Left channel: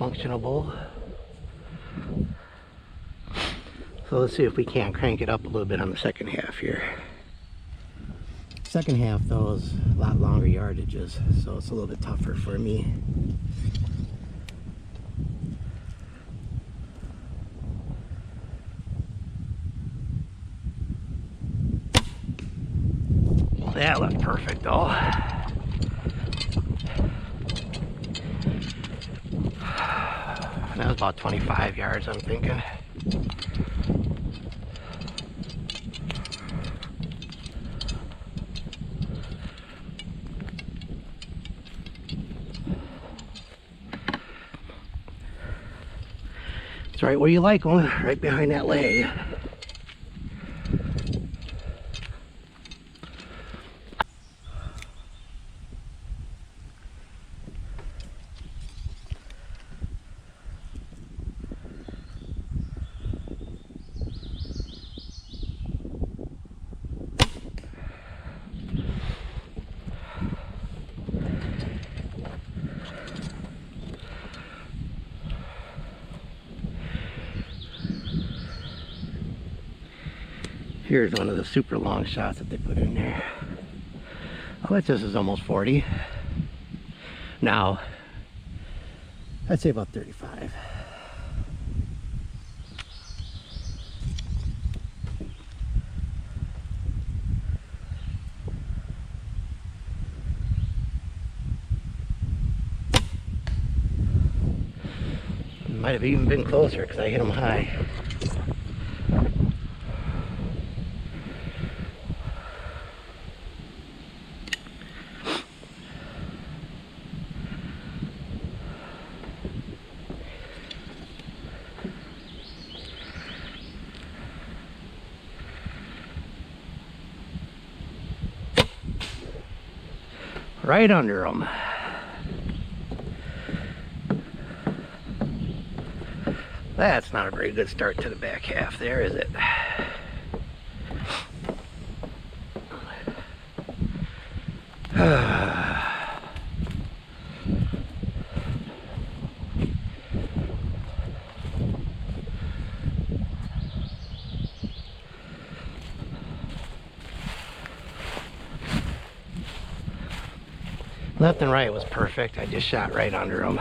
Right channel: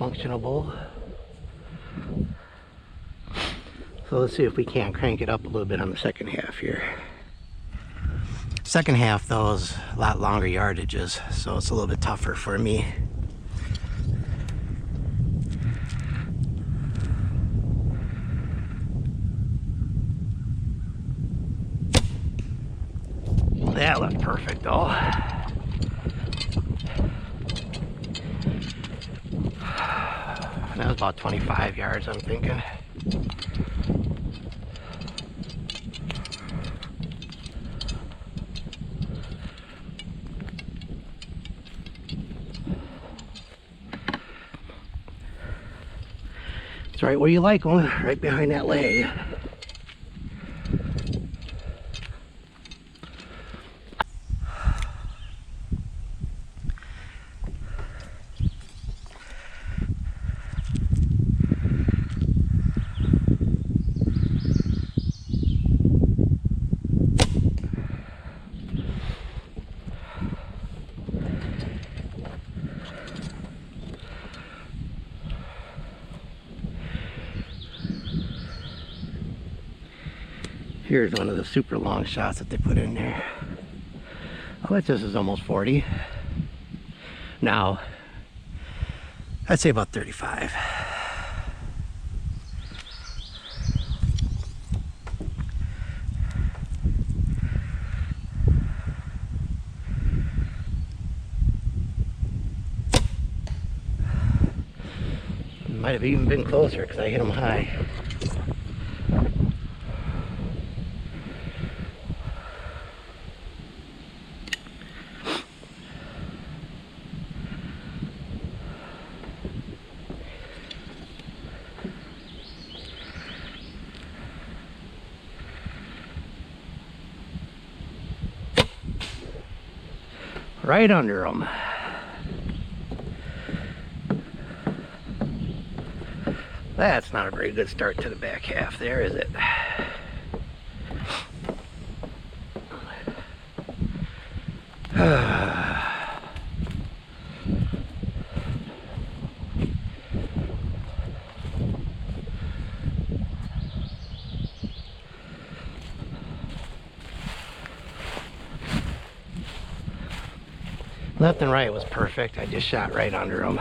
functional bow. So let's see if we can't crank it up a little bit on the second half here. Second half though is a lot longer yardages, so it's a little bit tougher for me. That looked perfect though. That was about 25 yards, I'm thinking. It's right where you like them, right behind that leg. Here's one of the super long shots that they put in there. I'll bet this is almost 40. Now, I'd say about 35. Might have even been closer because I hit them high. Right under them. That's not a very good start to the back half there, is it? Left and right was perfect. I just shot right under them.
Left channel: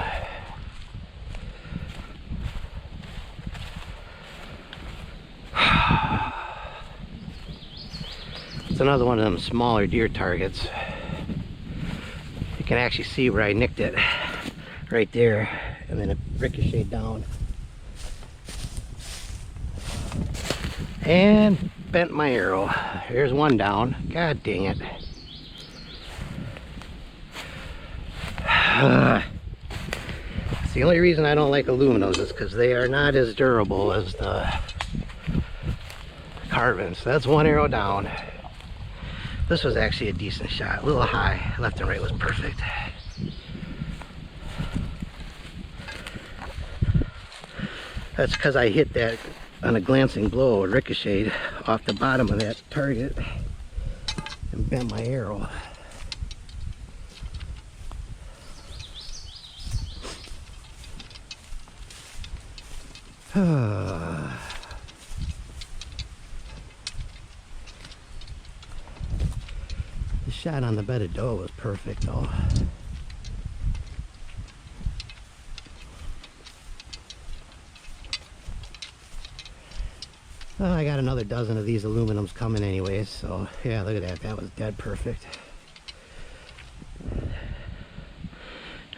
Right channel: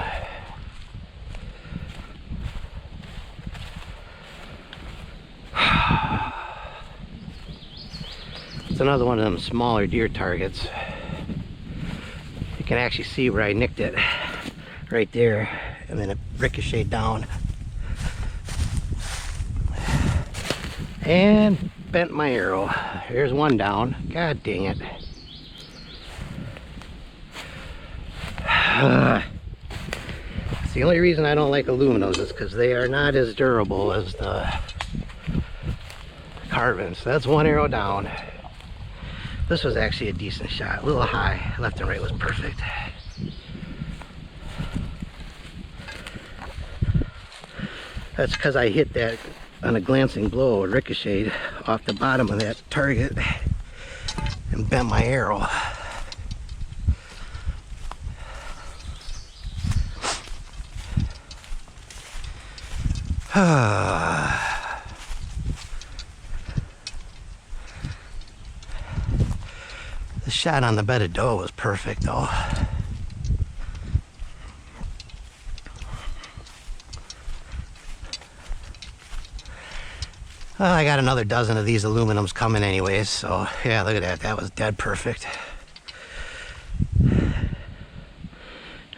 It's another one of them smaller deer targets. You can actually see where I nicked it right there, and then it ricocheted down and bent my arrow. Here's one down. God dang it. It's the only reason I don't like aluminums is because they are not as durable as the carbon. So that's one arrow down. This was actually a decent shot, a little high. Left and right was perfect. That's because I hit that on a glancing blow, it ricocheted off the bottom of that target and bent my arrow. The shot on the bed of doe was perfect though. Well, I got another dozen of these aluminums coming anyways, so yeah, look at that. That was dead perfect.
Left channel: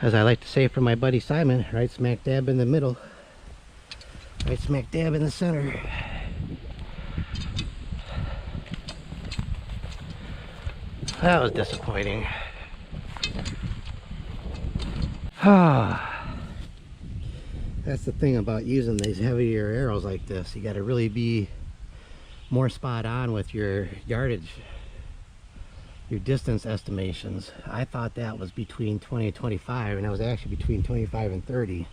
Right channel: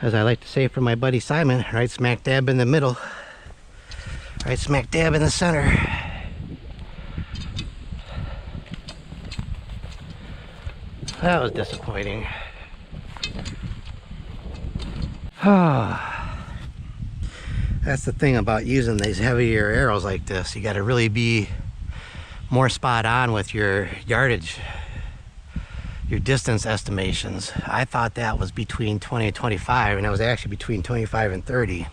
As I like to say for my buddy Simon, right smack dab in the middle. Right smack dab in the center. That was disappointing. That's the thing about using these heavier arrows like this. You got to really be more spot on with your yardage, your distance estimations. I thought that was between 20 and 25, and it was actually between 25 and 30.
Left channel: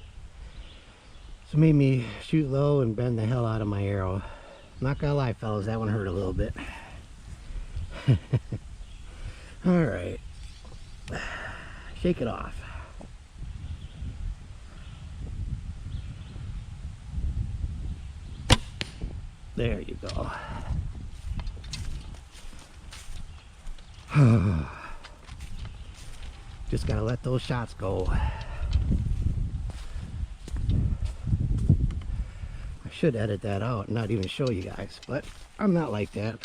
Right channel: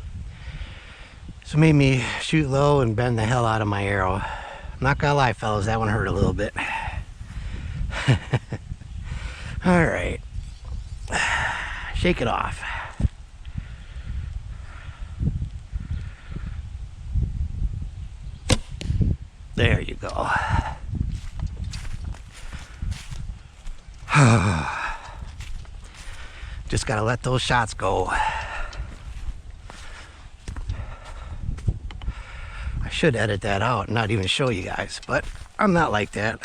So it made me shoot low and bend the hell out of my arrow. I'm not gonna lie, fellas, that one hurt a little bit. All right, shake it off. There you go. Just gotta let those shots go. I should edit that out and not even show you guys, but I'm not like that.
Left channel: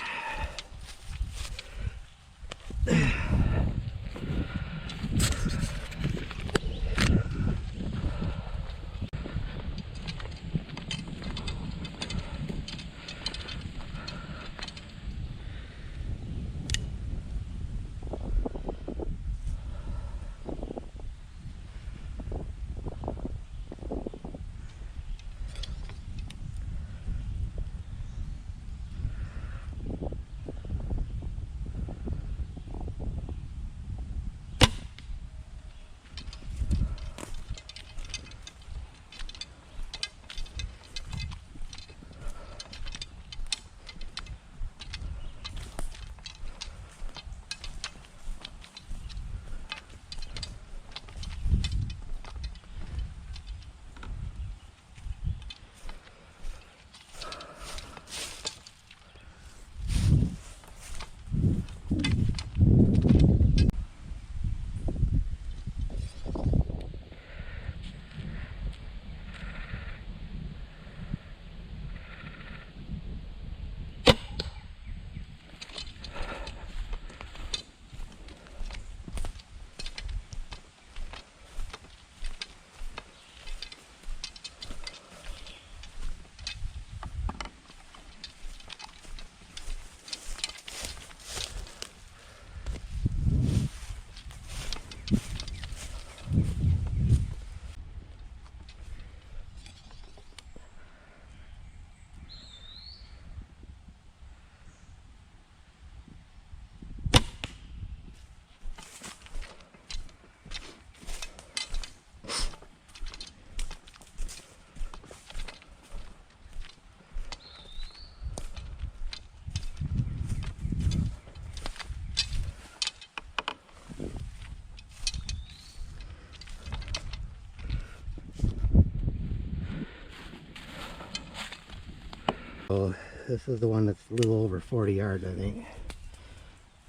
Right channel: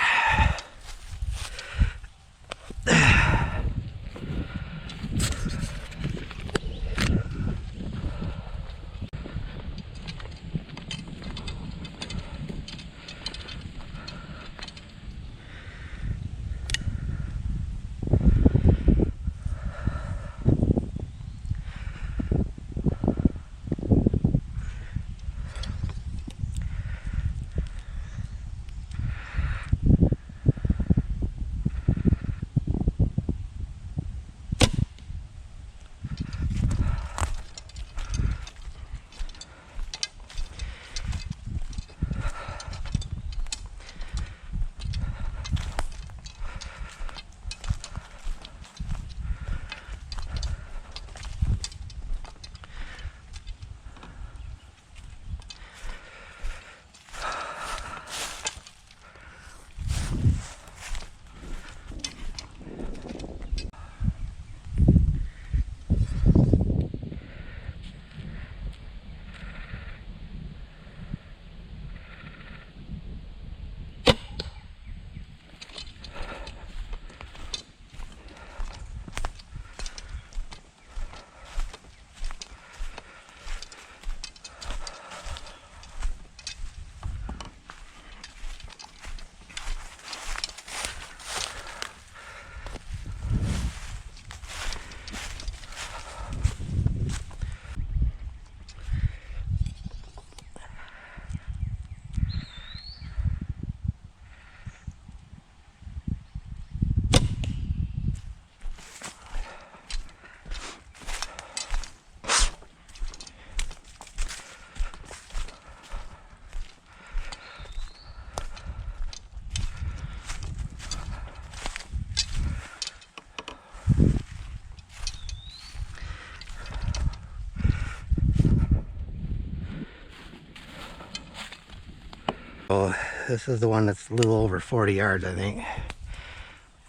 So this is the one that's a little over 40 yards, I think.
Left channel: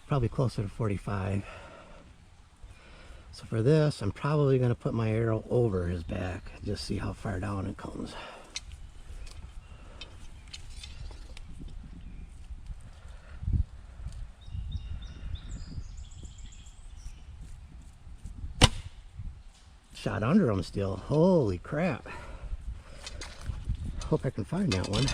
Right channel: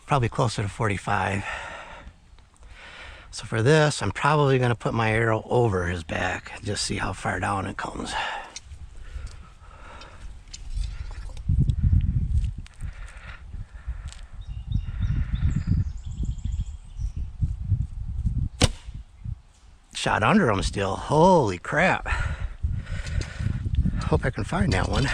Probably closer to 45. So for this, I'm probably going to put my arrow over his back, just see how far down it comes. Shot under him still. Holy crap. Hope I can find that one.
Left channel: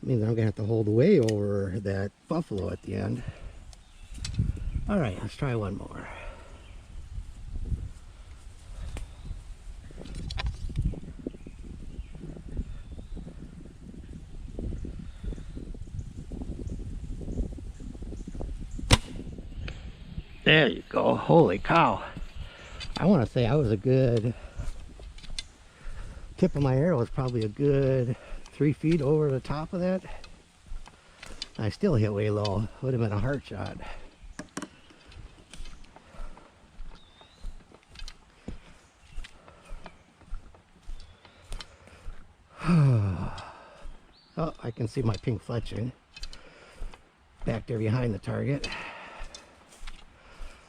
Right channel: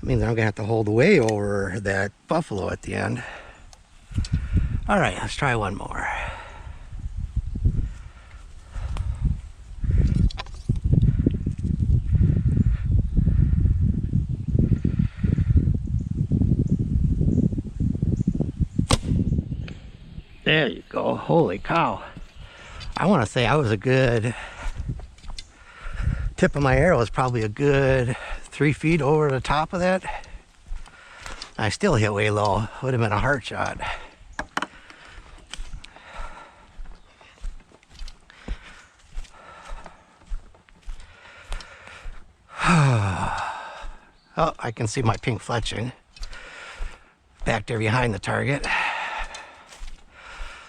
Means I'm gonna have to hold way over that buffalo at the end. All right, let's try one more. There you go. Holy cow. I want to say I was a good tip of my arrow was probably a good 3 feet over the top of that. I still hit way low. Would have been a heart shot. Oh, I can see my pink fletching back there behind the target.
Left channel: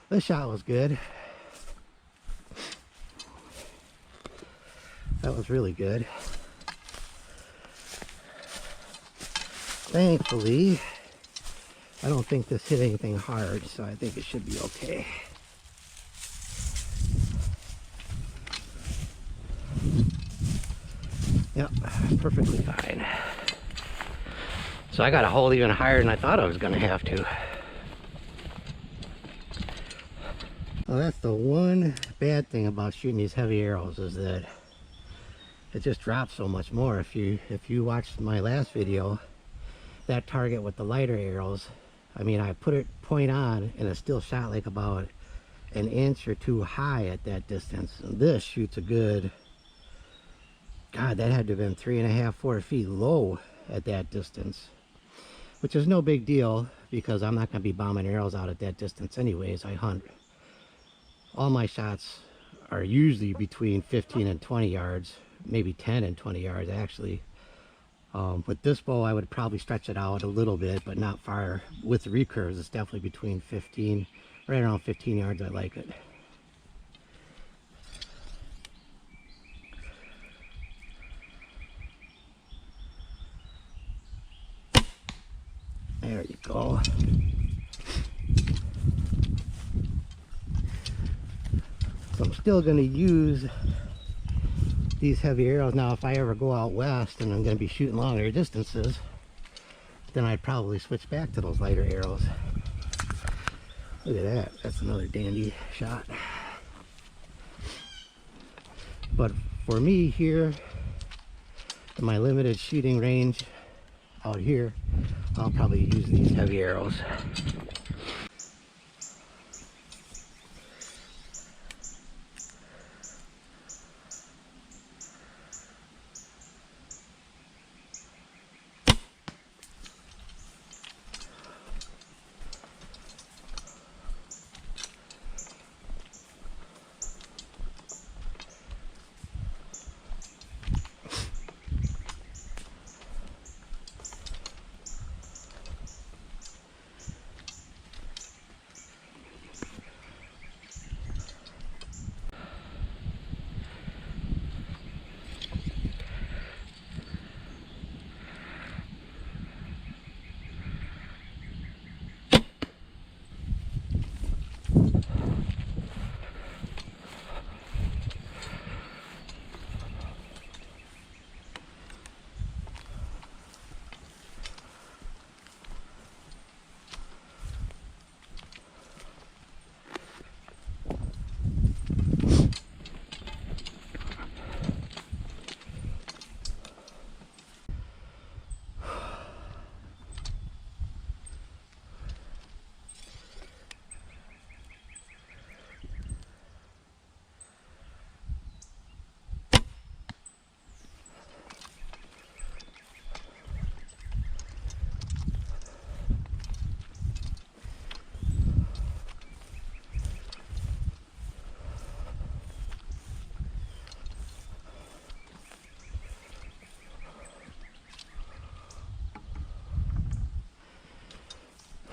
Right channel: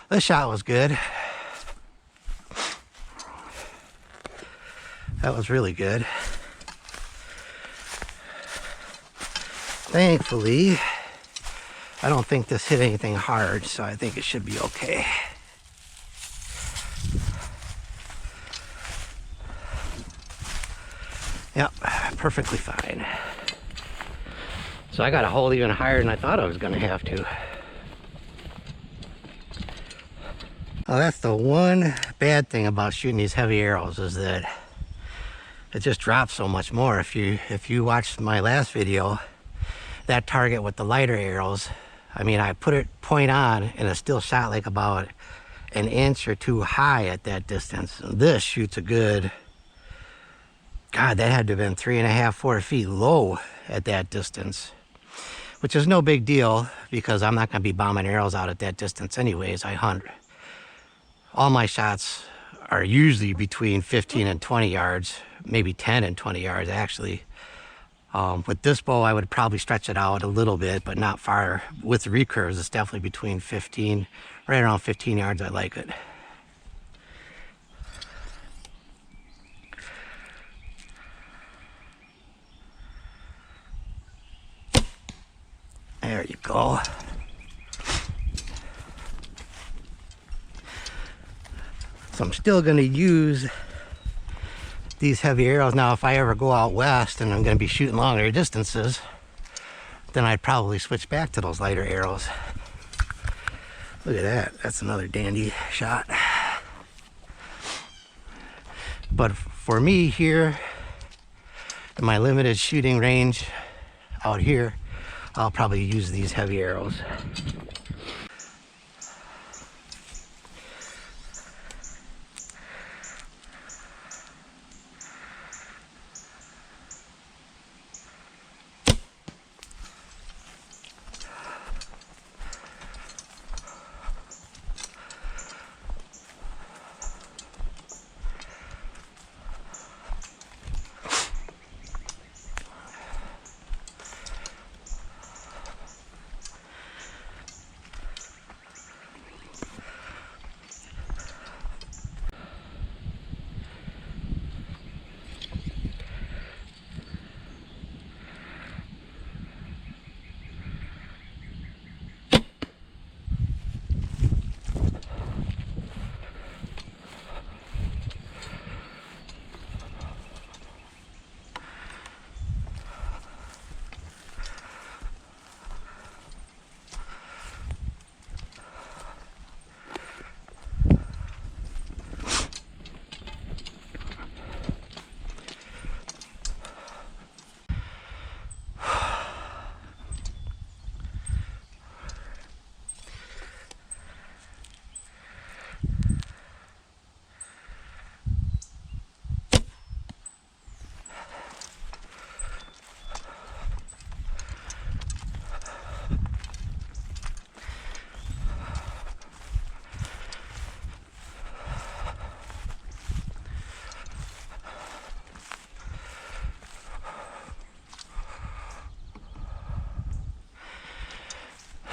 This shot was good. That was really good. Thankfully, I don't think this hit anything hard, so I think it should be okay. Yep, perfectly fine. So I got a hold even higher than I thought I was going to have to. Well, that's the one bad thing about shooting these heavy arrows, is that it just drops so much more. If you watched my last video, that target with the lighter arrows, I mean, I put it point on and it still shot like about an inch or two high at that distance. This shoots a good, God, that had to have been 3.5, 4 feet low at that distance, which is no big deal because I'm not going to be bombing arrows out at that distance anyways. I hunt. All my shots are usually between 15 and 20 yards, maybe 10 and 20 yards actually. With this bow, I would probably stretch it out a little bit, but not far. With the recurves, it's definitely between 15, right around 15 yards. I like it. There you go. So I'm still going to use these heavy arrows. Now, if I ever go out west and I'm going to be shooting longer distances, then I'd probably switch back to those lighter arrows. Look at that. That's another dandy shot. But for me here, in my limited shooting range out here, I'll probably use these heavy arrows.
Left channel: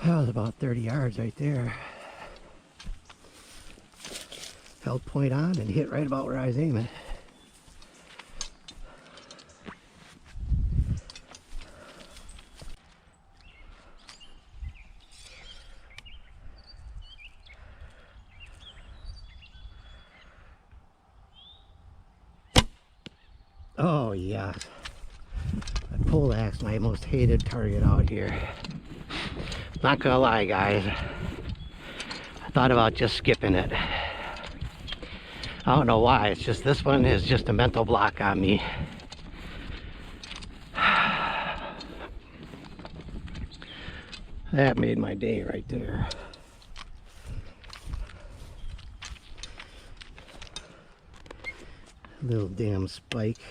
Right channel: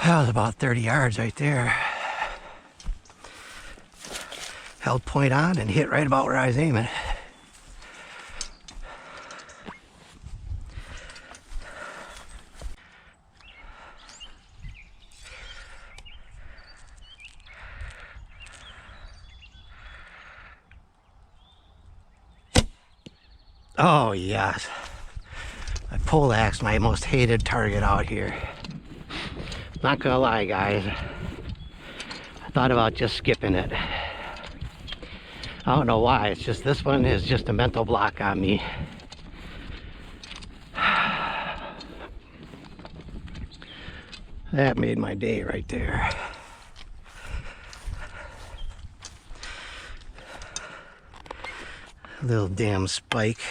That was about 30 yards right there. Held point on and hit right about where I was aiming. Oh yes. My poleaxe, my most hated target out here. Not gonna lie, guys. I thought about just skipping it. I don't know why. It's just this one is just a mental block on me. That made my day right there. Little damn spike.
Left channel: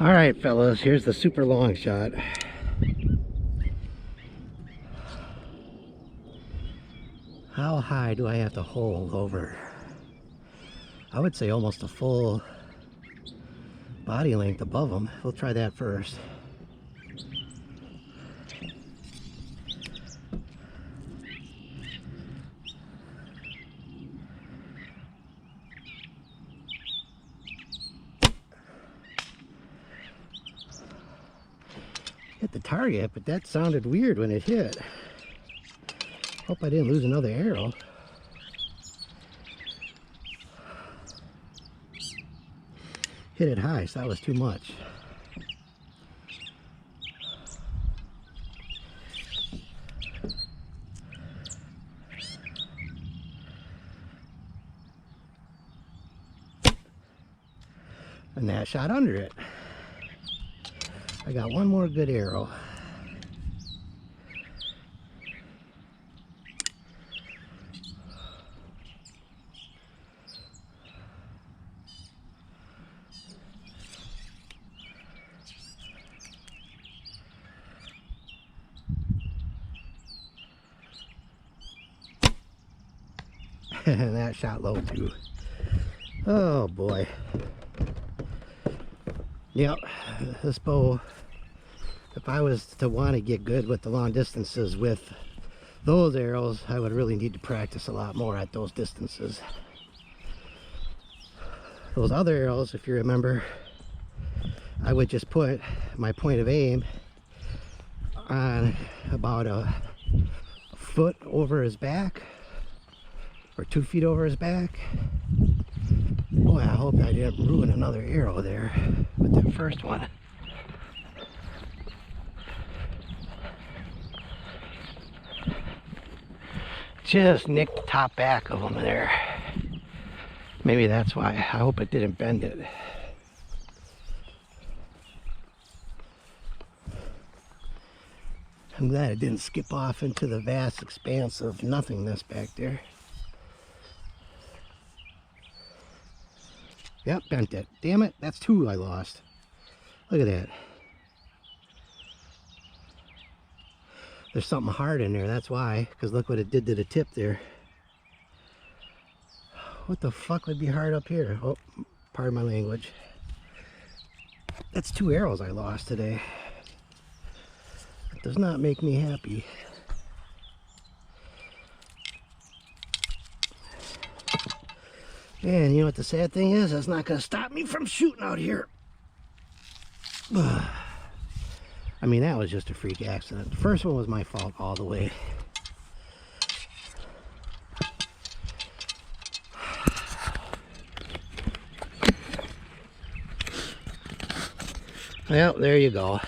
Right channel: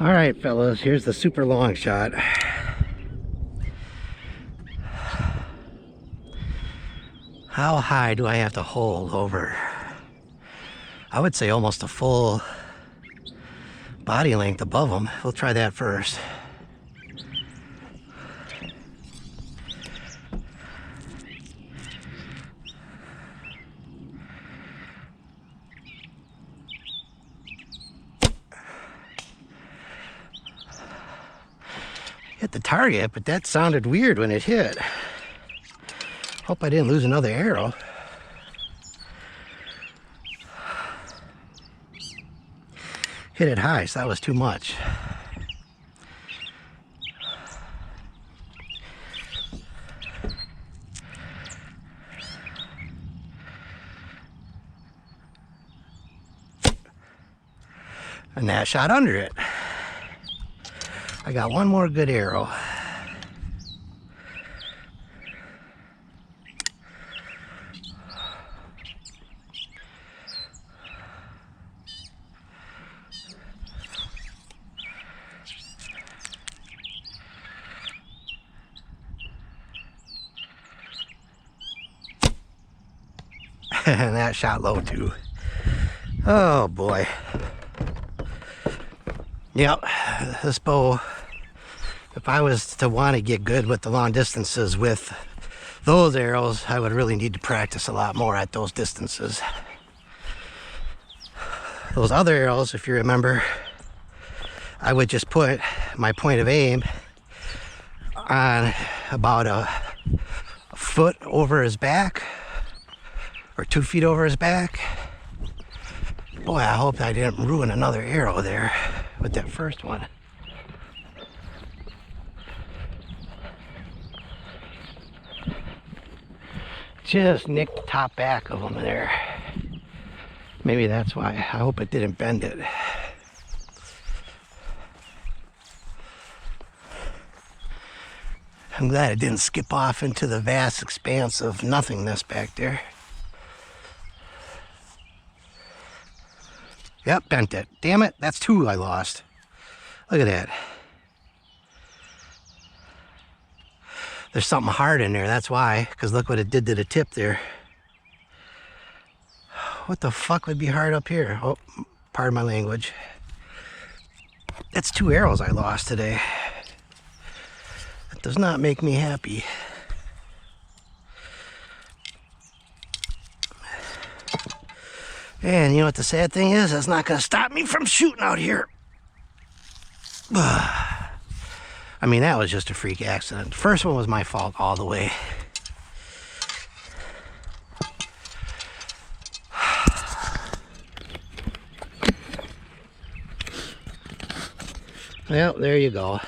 All right, fellas, here's the super long shot. How high do I have to hold over? I would say almost a full body length above them. We'll try that first. Hit the target, but that sounded weird when it hit. Hope I didn't lose another arrow. Hit it high, so that was too much. And that shot under it. I got one more good arrow. And that shot low too. Oh boy. Yep, this bow, if I was to want to get good with the long distances with those arrows, I would really need to practice a lot more at those distances. Those other arrows, if you remember, I would just put my point of aim on about a foot over his back or 2 feet over his back. Boy, I hope I didn't ruin another arrow there with that first one. Just nicked the top back of them there. Maybe that's why. I hope it didn't bend it. I'm glad it didn't skip off into the vast expanse of nothingness back there. Yep, bent it. Damn it, that's 2 I lost. Look at that. There's something hard in there, that's why. Because look what it did to the tip there. What the fuck would be hard up here? Oh, pardon my language. That's 2 arrows I lost today. That does not make me happy. And you know what the sad thing is? That's not going to stop me from shooting out here. I mean, that was just a freak accident. The first one was my fault all the way. Well, there you go.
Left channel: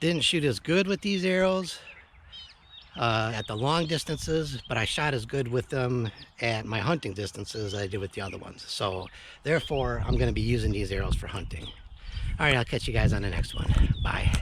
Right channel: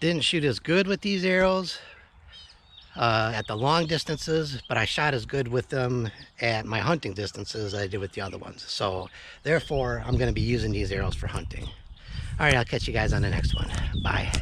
Didn't shoot as good with these arrows at the long distances, but I shot as good with them at my hunting distances as I did with the other ones. So therefore, I'm going to be using these arrows for hunting. All right, I'll catch you guys on the next one. Bye.